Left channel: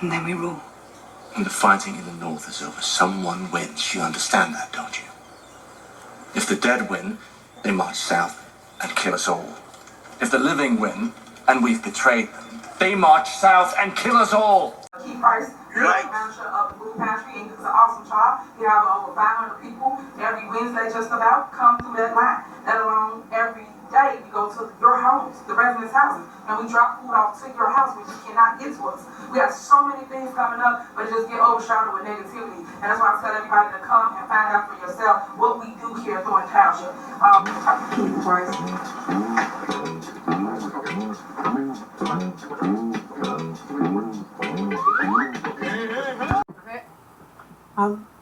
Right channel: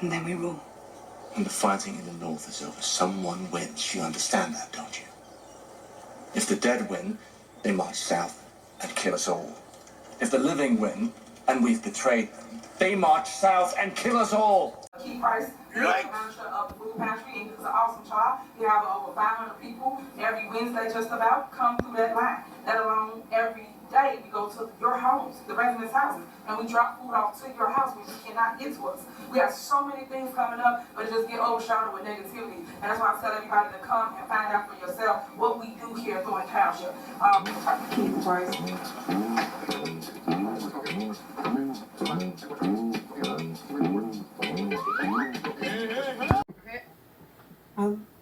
And then we rule. And the fighting in the north is over. Someone wins. You understand that, don't you? If the dead win, they march south and kill us all. If the living win, and we've betrayed them, they march south and kill us all. Keith Price, manager of the food pantry, and he's an awesome job. He have over 500 people every Wednesday just about come through that line. Let alone every day we go to your homes, the residents' houses, and we drop food off to your house when you cannot get to us. We have so many things coming up, but it just get overshadowed with negativity. And that's why I tell everybody to come and find out for yourself what we do here at Thornton Township. Keith Price.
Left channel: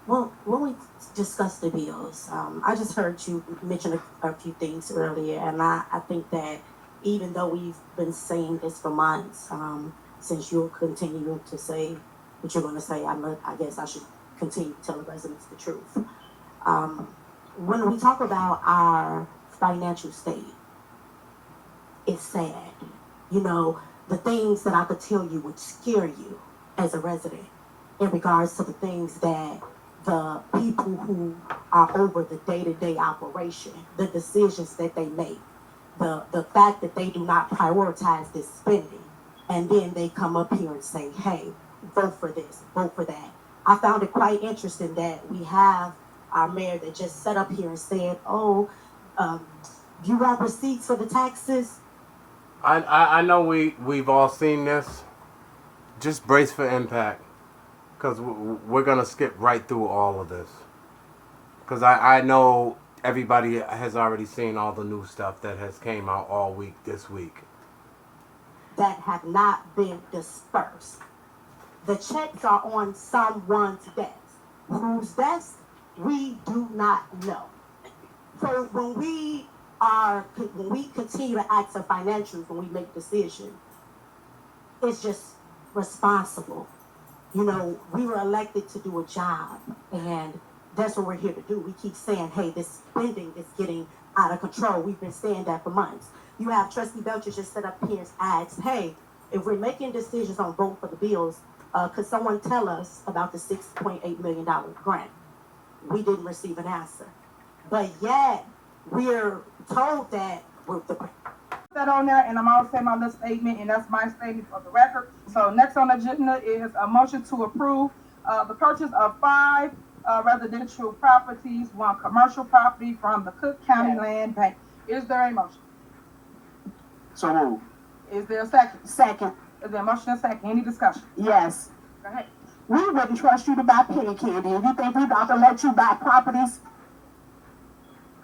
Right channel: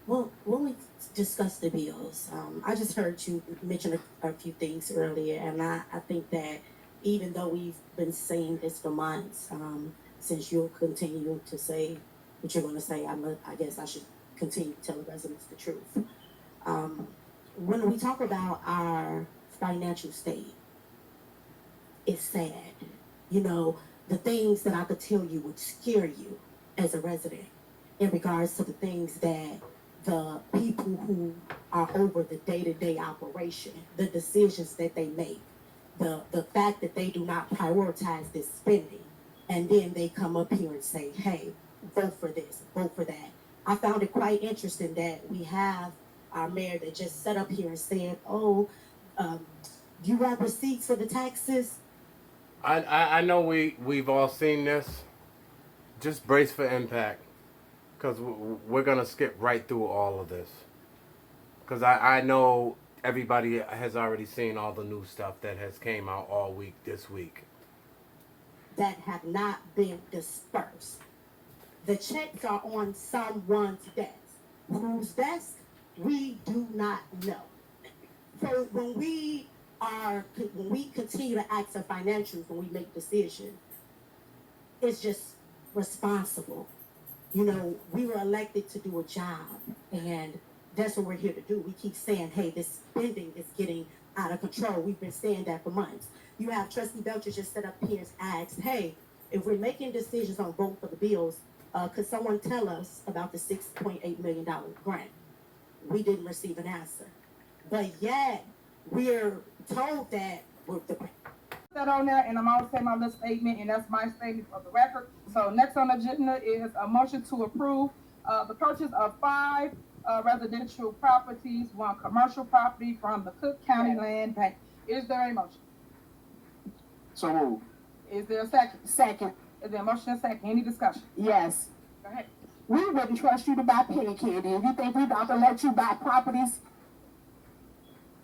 Well, when we discussed the bills, I just heard you mention a few things earlier, and I think that even though we've been saying this for months, since you'll continue to say what you're going to say, I guess I should continue to tell the residents the truth. When we talk about our financial state, it's sad. You know, the things that I could tell you would scare you as a resident in regards to the things that the people who are over the day-to-day operation, the decisions that they make, the fact that they do not prioritize this spending, and then they come up here and say, hey, vote for this, vote for that. I found it quite interesting that we have our mayor that just sat up here and said, oh, you want receipts for the taxes? I know we've all seen this. Just brace for impact, because we're going to skip right through all of this. Because I know everybody has already seen all the new stuff that has came out all week this week. That have not been dispersed. The checks are on someone's desk. Whose desk? We do not know. So when we continue to ask for financials when we make decisions, it's just responsible. You know, we were elected to do a job, and that's what we're here to do. We keep saying, hey, this spending is getting out of control. We've been saying that for months. You have Trustee Belcher just set up here and asked, hey, if we're making decisions on vote for the bills, could someone tell us about the $6.8 million grant? We didn't receive an answer. But yet, we're told that we're the grant. That on there, and I'm always saying my little statement, and that's my statement for the record. So next on the agenda is a motion to approve the purchase of 5 residential properties, 1 commercial property from the Cook County Land Bank. Is there a motion? So move. Is there a second? Second. Is there a motion and a second? Any discussion? Yes. Go ahead. We wouldn't trust you to buy penny candy. If you think we're about to let you buy properties,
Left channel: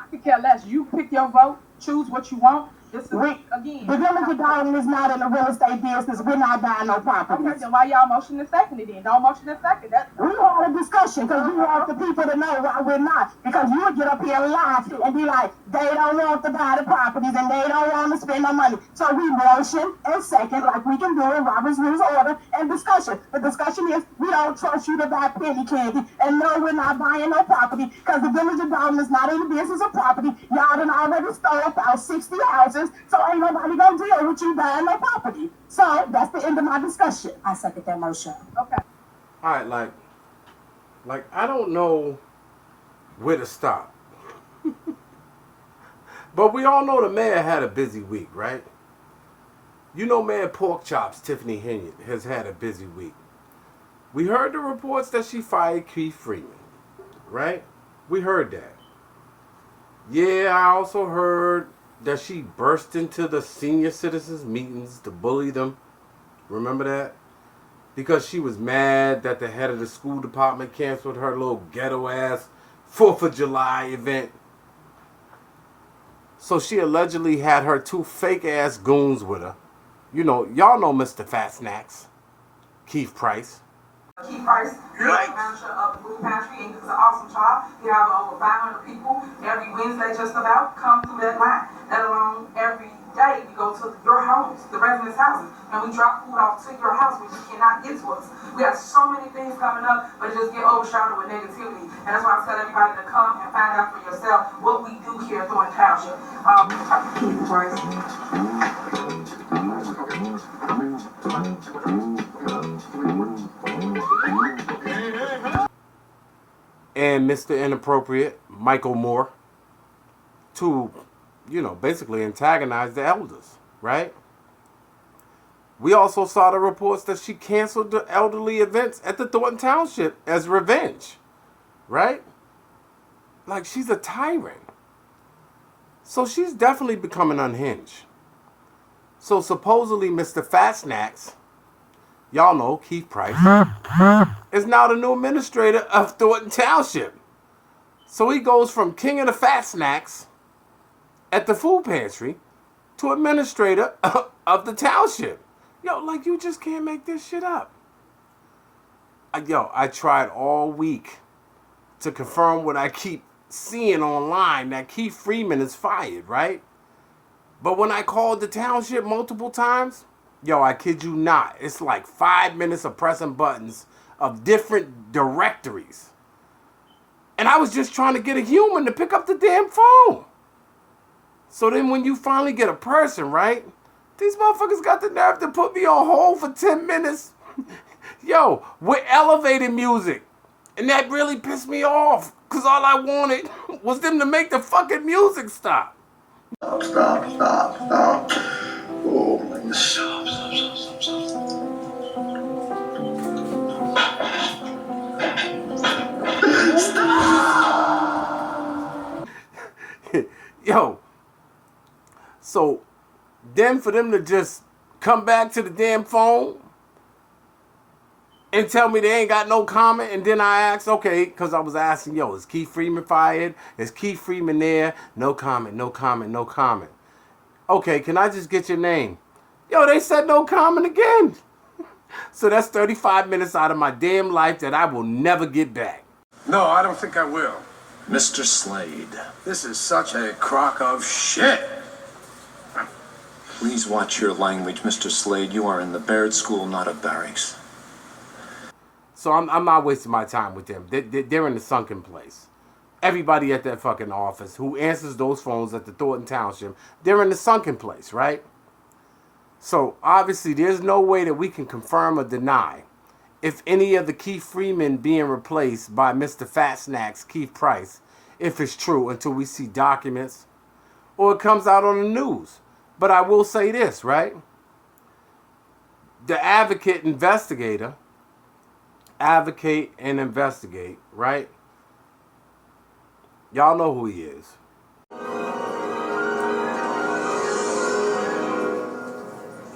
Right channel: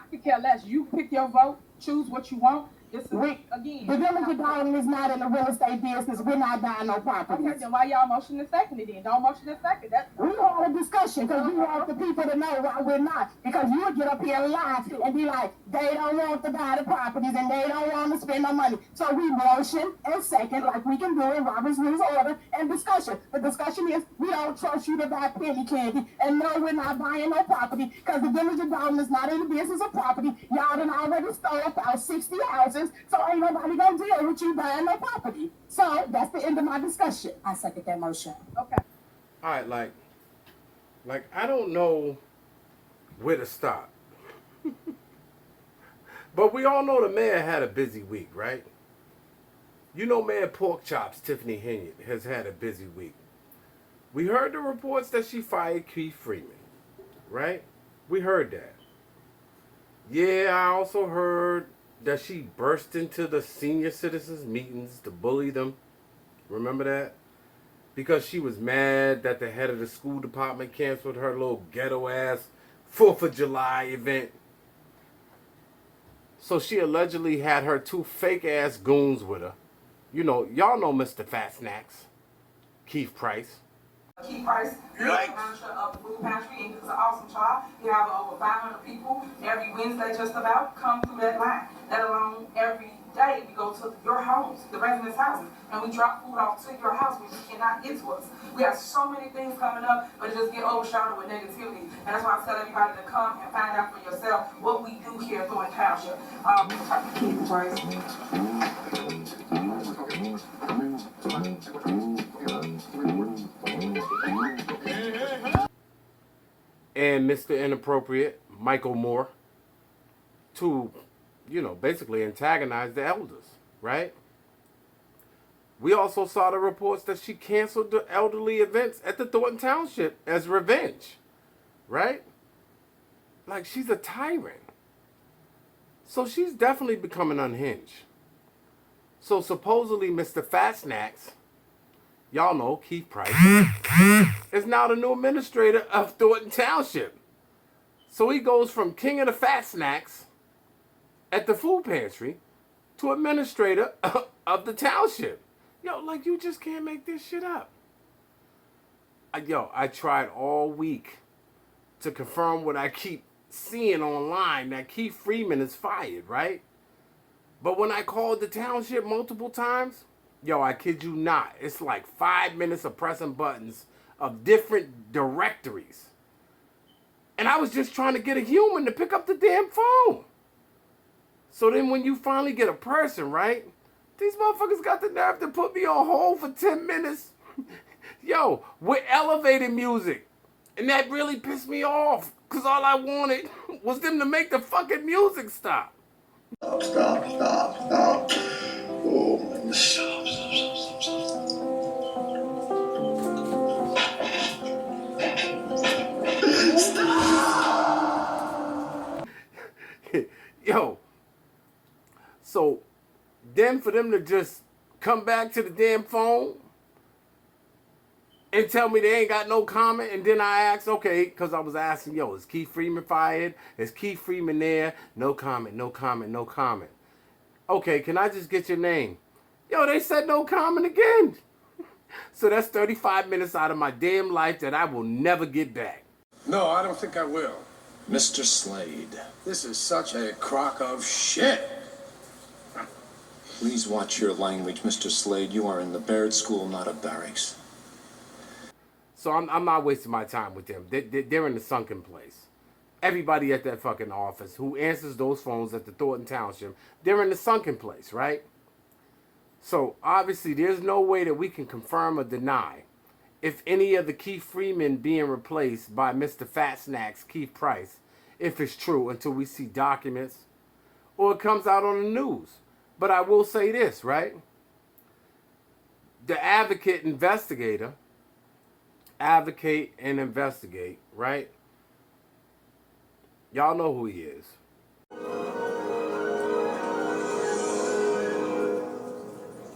I could care less. You pick your vote, choose what you want. This is, again. The village of Darwin is not in the real estate business. We're not buying no properties. Okay, then why y'all motion and second it then? Don't motion and second. We had a discussion because we want the people to know why we're not. Because you would get up here and lie and be like, they don't want to buy the properties and they don't want to spend no money. So we motion and second, like we can do in Robert's Rules of Order, and discussion. The discussion is, we don't trust you to buy penny candy, and no, we're not buying no property because the village of Darwin is not in the business of property. Y'all done already stole about 60 houses, so ain't nobody gonna deal with you buying no property. So that's the end of my discussion. I second that motion. Okay. All right, like I don't know where to stop. But we all know the mayor had a busy week, right? You know, Mayor Pork Chops, Tiffany Henyard, has had a busy week. We heard the reports that she fired Keith Freeman, right? We heard that. Yeah, I also heard that she burst into the senior citizens meetings to bully them. Remember that? Because she was mad that the head of the school department canceled her little ghetto-ass 4th of July event. So she allegedly had her 2 fake-ass goons with her. You know, y'all know Mr. Fat Snacks, Keith Price. Keith Price, manager of the food pantry, and he's an awesome job. He have over 500 people every Wednesday just about come through that line. Let alone every day we go to your homes, the residents' houses, and we drop food off to your house when you cannot get to us. We have so many things coming up, but it just get overshadowed with negativity. And that's why I tell everybody to come and find out for yourself what we do here at Thornton Township. Keith Price. And Mr. Inappropriate, Michael Moore, to, basically antagonize the elders, right? We also saw the reports that she canceled the elderly events at the Thornton Township as revenge, right? Like, she's a tyrant. So she's definitely becoming unhinged. So supposedly Mr. Fat Snacks, y'all know Keith Price, is now the new administrator of Thornton Township. So he goes from king of the Fat Snacks at the food pantry to administrator of the township. Yo, like, you just can't make this shit up. I tried all week to confirm what I keep seeing online, that Keith Freeman is fired, right? But when I called the township multiple times, I kid you not, it's like 5 minutes of pressing buttons of different directories. And I was just trying to get a human to pick up the damn phone. So then when you finally get a person, right? These motherfuckers got the nerve to put me on hold for 10 minutes. With elevated music. And that really pissed me off. Because all I wanted was them to make the fucking music stop. Stop. Oh my God. Stop. So then for them to just come back to the damn phone and tell me they ain't got no comment, and then I asked, okay, because I was asking, is Keith Freeman fired? Is Keith Freeman there? No comment. Okay, can I just get your name? They said no comment again. So that's 35 minutes out of my damn life that I will never get back. No, I don't think I will. Mr. Slade, This is such a crock of shit. please watch your language, Mr. Slade. You are in the Baird School, not a barracks. So I'm not wasting my time with them. They're in the sunken place. Everybody at that fucking office who answers those phones at the Thornton Township, they're in the sunken place, right? So obviously there's no way that we can confirm or deny if any of the Keith Freeman being replaced by Mr. Fat Snacks, Keith Price, if it's true, until we see documents or it comes out on the news. But I will say this, right? The advocate and investigate, right? Y'all know who he is.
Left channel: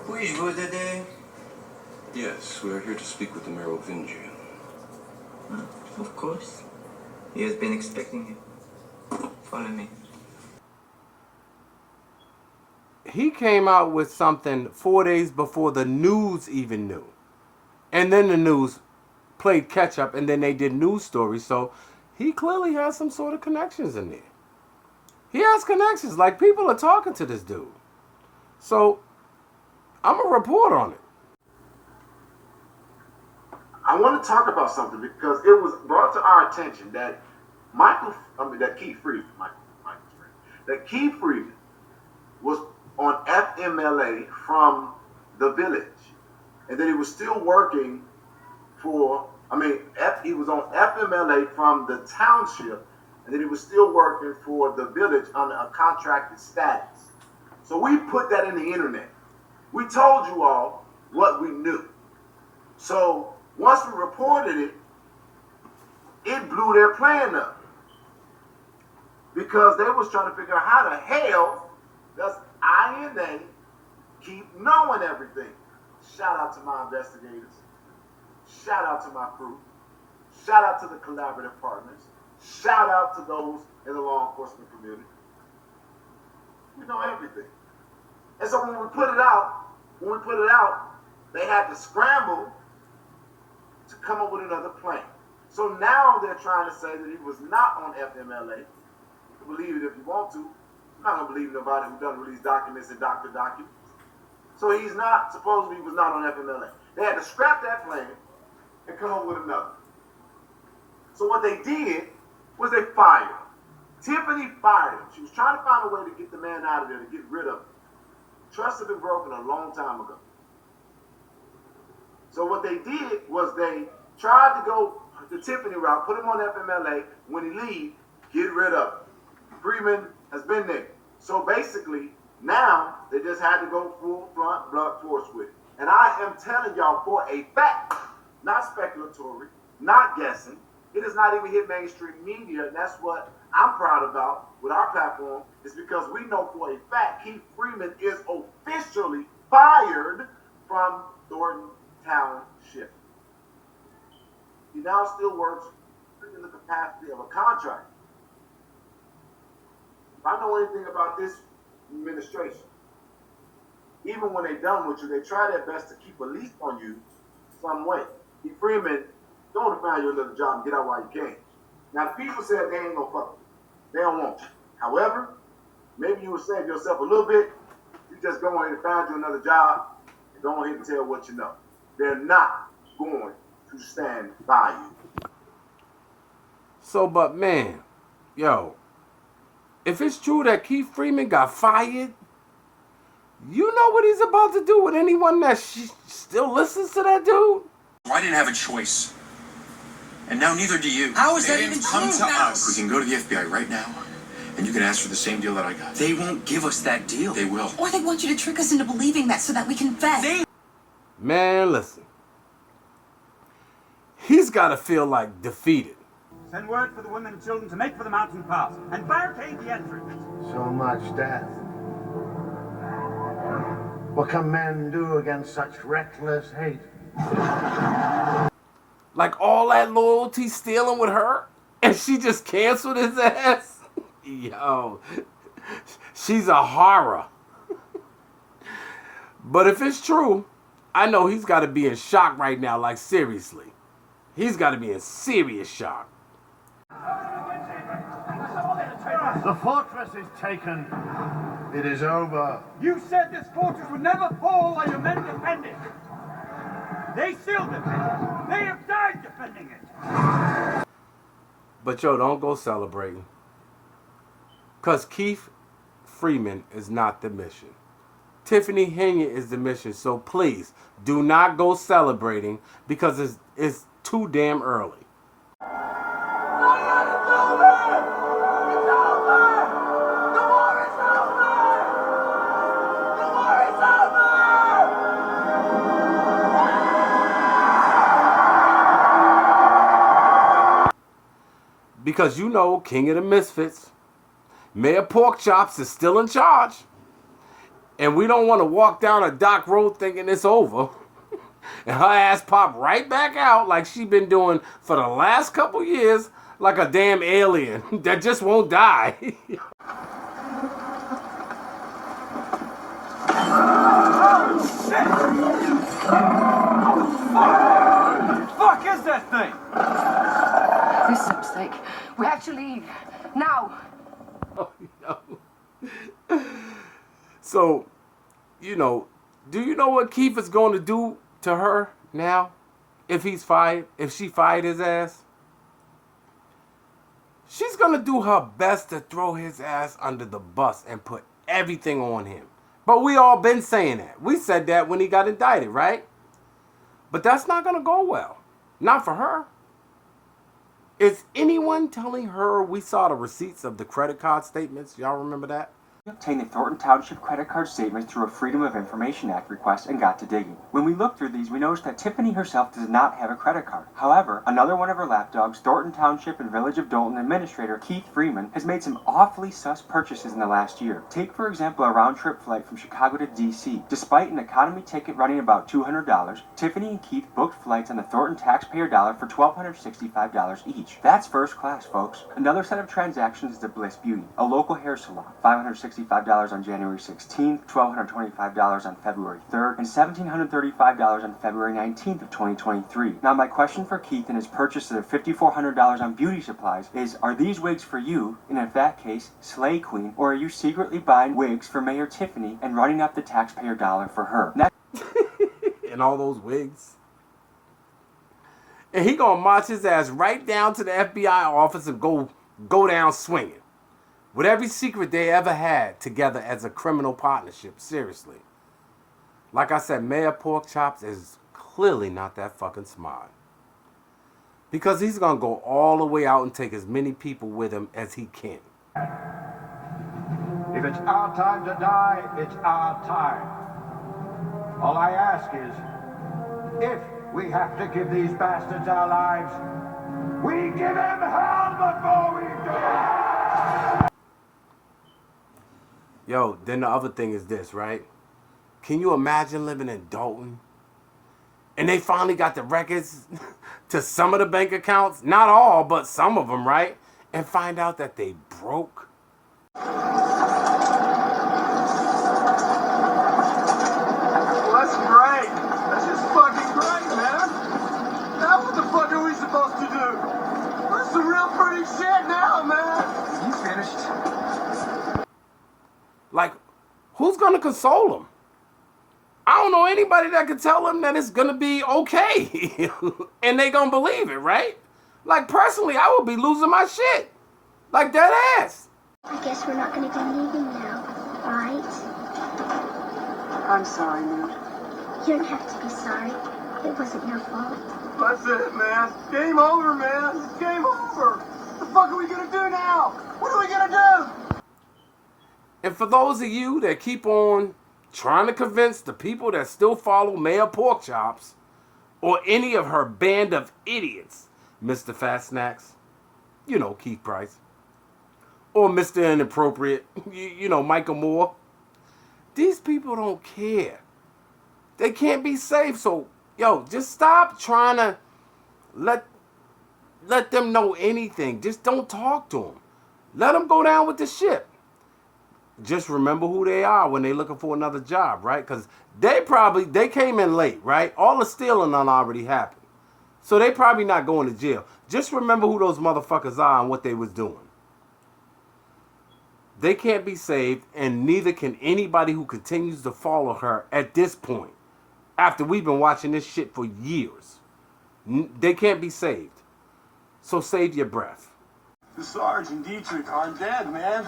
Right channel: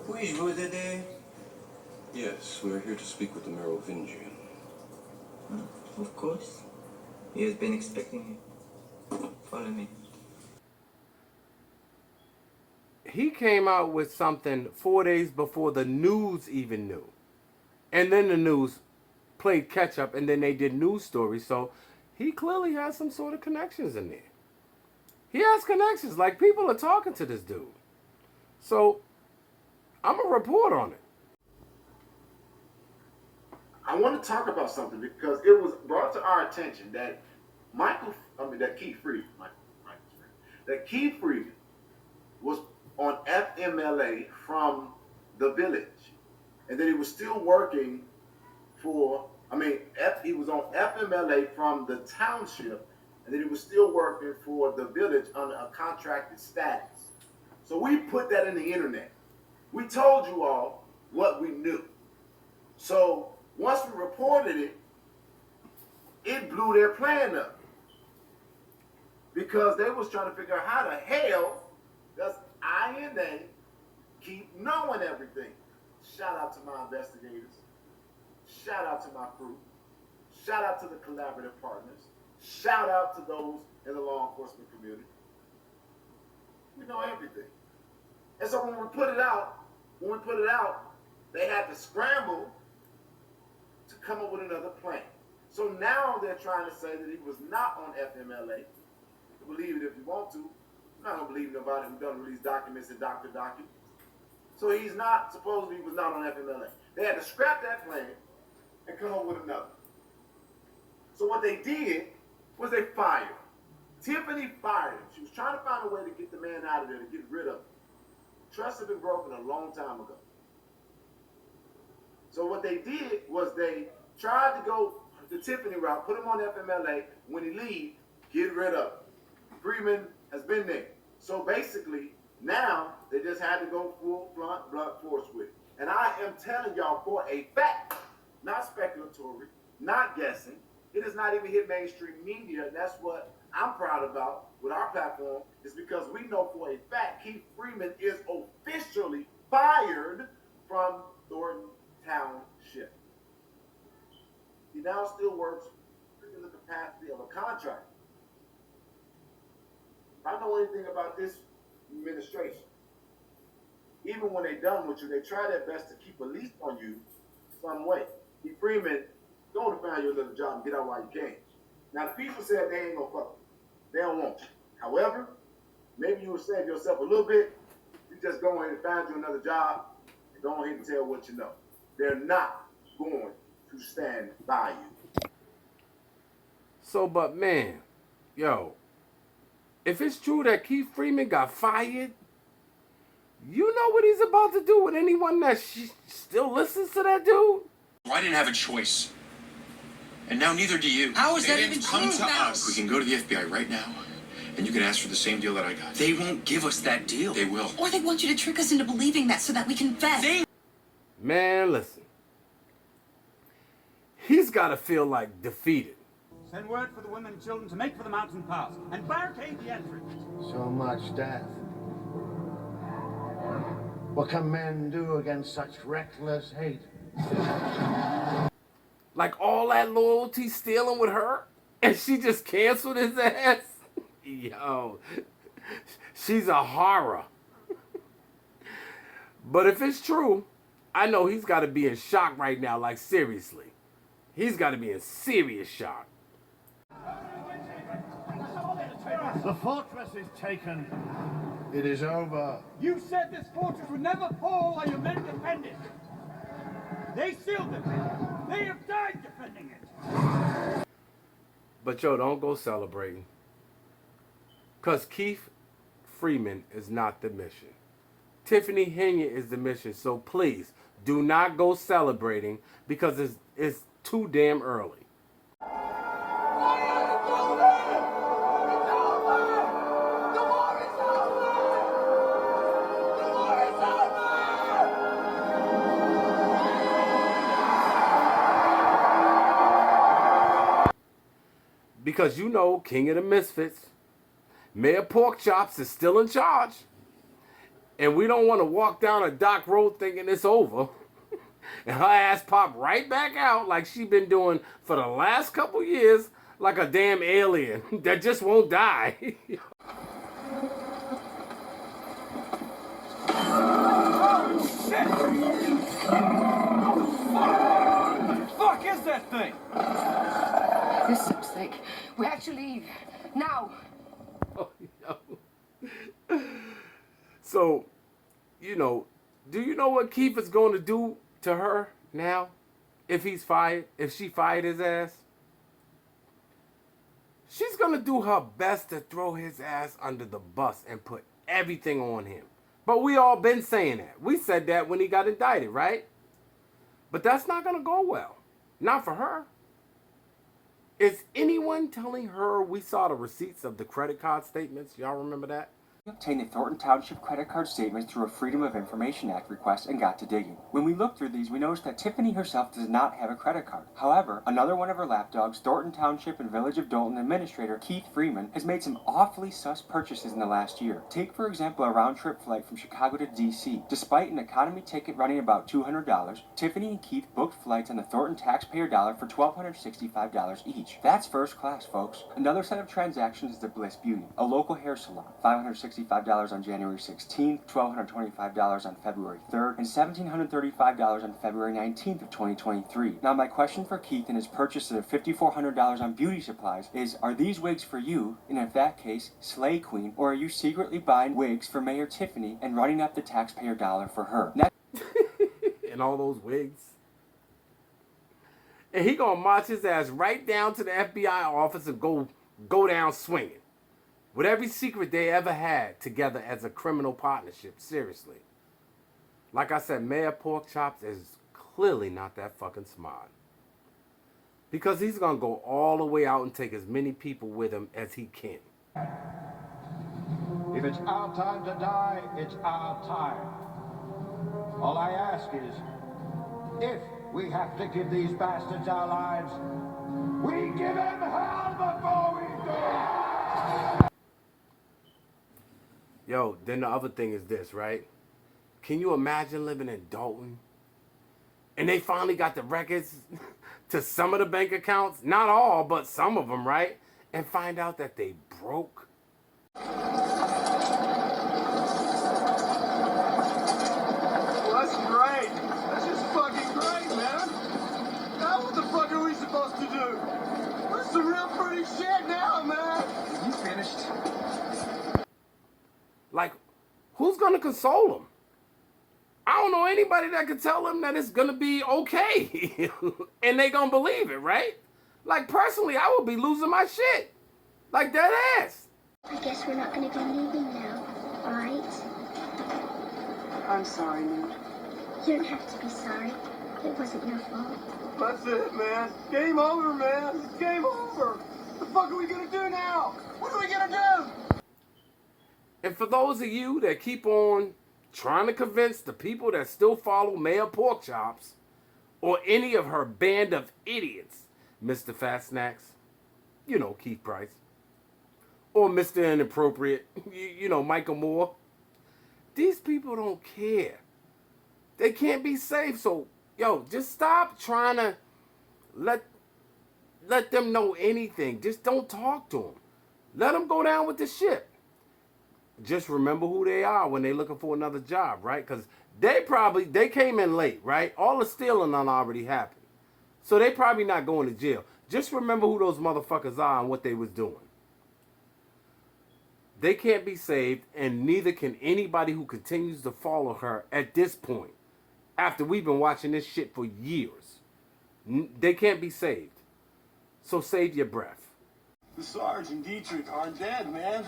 Oui-je today? Yes, we are here to speak with the Merovingian. Of course. He has been expecting you. Follow me. He came out with something 4 days before the news even knew. And then the news played catch up, and then they did news stories. So he clearly has some sort of connections in there. He has connections. Like, people are talking to this dude. So I'm going to report on it. I want to talk about something because it was brought to our attention that Keith Freeman was on FMLA from the village, and then he was still working he was on FMLA from the township, and then he was still working for the village on a contracted status. So we put that in the internet. We told you all what we knew. So once we reported it, it blew their plan up. Because they was trying to figure out how the hell does INA keep knowing everything. Shout out to my investigators. Shout out to my crew. Shout out to the collaborative partners. Shout out to those in the law enforcement community. We know everything. And so when we put it out, they had to scramble to come up with another plan. So now they're trying to say that he was not on FMLA. Believe it if you want to. I'm not going to believe nobody who doesn't release documents and doctor documents. So he was not on FMLA. They had to scrap that plan and come up with another. So what they did was they fired him. Tiffany fired him. She was trying to find a way to get the man out of there, to get rid of him. Trust had been broken a long time ago. So what they did was they tried to go the Tiffany route, put him on FMLA. When he leave, get rid of him. Freeman has been there. So basically, now they just had to go full blunt blunt force with it. And I am telling y'all for a fact, not speculatory, not guessing. It has not even hit mainstream media, and that's what I'm proud about with our platform, is because we know for a fact Keith Freeman is officially fired from Thornton Township. He now still works in the capacity of a contractor. If I know anything about this administration, even when they're done with you, they try their best to keep a leash on you some way. Keith Freeman, don't find you another job and get out while you can. Now, the people said they ain't gonna fuck you. They don't want you. However, maybe you will save yourself a little bit. You just go ahead and find you another job and go ahead and tell what you know. They're not going to stand by you. So, but man, yo, if it's true that Keith Freeman got fired, you know what he's about to do with anyone that still listens to that dude? I didn't have a choice. And now neither do you. How is They that didn't even come true to now? us. We can go to the FBI right now, and you can ask for the same deal that I got. They won't give us that deal. They will. Or they want you to trick us into believing that so that we confess. Man, listen. He's got to feel like defeated. Send word for the women and children to make for the mountain pass and barricade the entrance. So much death. What can men do against such reckless hate? Like all that loyalty stealing with her, and she just canceled his ass. Yo, she's a horror. But if it's true, I know he's got to be in shock right now, like seriously. He's got to be in serious shock. The fortress is taken. It is over. You said this fortress would never fall while your men defend it. They still defend it. They have died defending it. But yo, don't go celebrating. Because Keith Freeman is not the mission. Tiffany Henry is the mission. So please, do not go celebrating because it's too damn early. Because you know, King of the Misfits, Mayor Porkchops is still in charge. And we don't want to walk down a dock road thinking it's over. And her ass pop right back out like she been doing for the last couple years like a damn alien that just won't die. Fuck is that thing? This looks like we have to leave. Now. Oh, no. So, do you know what Keith is going to do to her now? If she fired his ass? She's going to do her best to throw his ass under the bus and put everything on him. But we all been saying that. We said that when he got indicted, right? But that's not going to go well. Not for her. Is anyone telling her we saw the receipts of the credit card statements? Y'all remember that? We obtained the Thornton Township credit card statements through a Freedom of Information Act request and got to digging. When we looked through these, we noticed that Tiffany herself does not have a credit card. However, another one of her lapdogs, Thornton Township and Village of Dalton Administrator Keith Freeman, has made some awfully sus purchases in the last year. Take, for example, a round-trip flight from Chicago to D.C. Despite an economy ticket running about $200, Tiffany and Keith booked flights on the Thornton taxpayer dollar for $1,265 each. That's first class, folks. Another set of transactions is the Bliss Beauty, a local hair salon, $565 on January 16th, $1,225 on February 3rd, and $1,735 on February 19th of 2023. Now, my question for Keith and his purchase of $5,400 on beauty supplies is, are these wigs for you, and in that case, Slay Queen, or are you secretly buying wigs for Mayor Tiffany and running up the taxpayer dollar for her? And all those wigs. And he gonna march his ass right down to the FBI office and go down swinging. with every secret they ever had together as a criminal partnership. Seriously. Like I said, Mayor Porkchops is clearly not that fucking smart. Because he's going to go all the way out and take as many people with him as he can. If it's our time to die, it's our time. All I ask is, if we have to give these bastards our lives, we give them hell before we do. Yo, then the other thing is this, right? Can you imagine living in Dalton? And they finally got the records to some of the bank accounts. Not all, but some of them, right? And find out that they broke. That's great. That's just fucking great, man. Now what the fuck are we supposed to do? That's some real pretty shit now, man. You finished? Like, who's gonna console them? I don't know anybody that could tell them that it's gonna be okay. And they gonna believe it, right? Like, personally, I would be losing my shit. Like, dead ass. I guess we're not gonna do anything now, right? I'm sorry, man. You don't have to be sorry. It wasn't your fault. That's it, man. Game over, man. It's game over. What the fuck are we gonna do now? What are we gonna do? And for those of you that keep on trying to convince the people that still follow Mayor Porkchops or any of her band of idiots, Mr. Fat Snacks, you know, Keith Price, or Mr. Inappropriate, you know, Michael Moore, these people don't care. They can't be saved. So, yo, just stop trying to let them know anything. Just don't talk to them. Let them go down with the ship. Just remember who they are when they're looking for another job, right? Because they came in late, right? All the stealing done already happened. So they probably not going to jail. Just remember who those motherfuckers are and what they was doing. They can't be saved, and neither can anybody who continues to follow her at this point. After we've been watching this shit for years. They can't be saved. So save your breath. The Sarge and Dietrich aren't dead, man.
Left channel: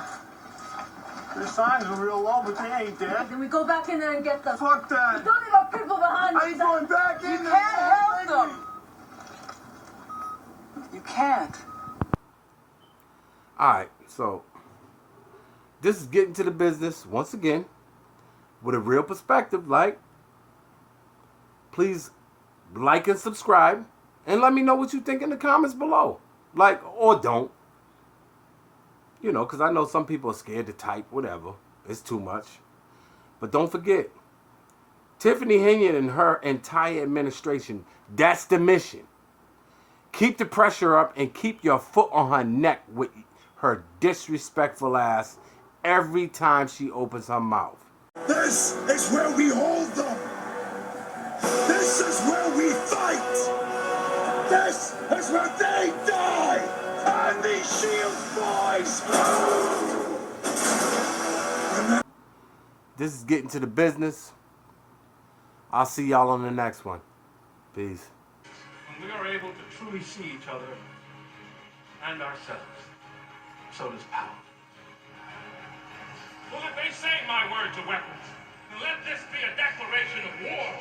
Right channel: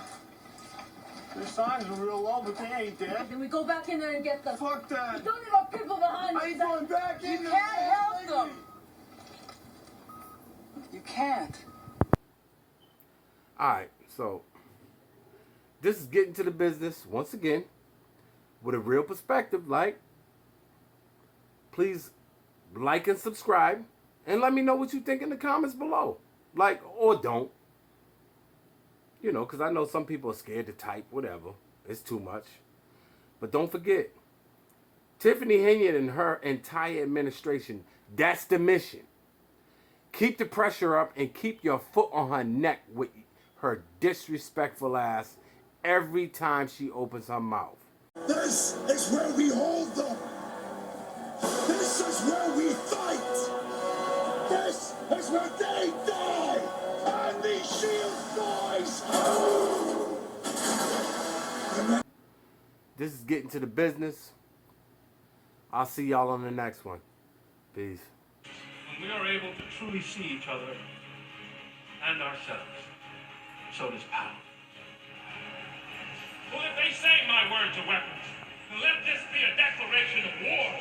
Their signs are real low, but they ain't dead. Can we go back in there and get them? Fuck that. We don't need our people behind us. I ain't going back in You there. can't help them. You can't. Alright, so this is getting to the business once again with a real perspective. Like, please like and subscribe and let me know what you think in the comments below. Like, or don't. You know, because I know some people are scared to type, whatever. It's too much. But don't forget, Tiffany Henyon and her entire administration, that's the mission. Keep the pressure up and keep your foot on her neck with her disrespectful ass every time she opens her mouth. This is where we hold them. This is where we fight. This is where they die. And these Shield boys. This is getting to the business. I'll see y'all on the next one. Peace. When we are able to truly see each other and ourselves, so does power. Well, if they say my words are weapons, then let this be a declaration of war.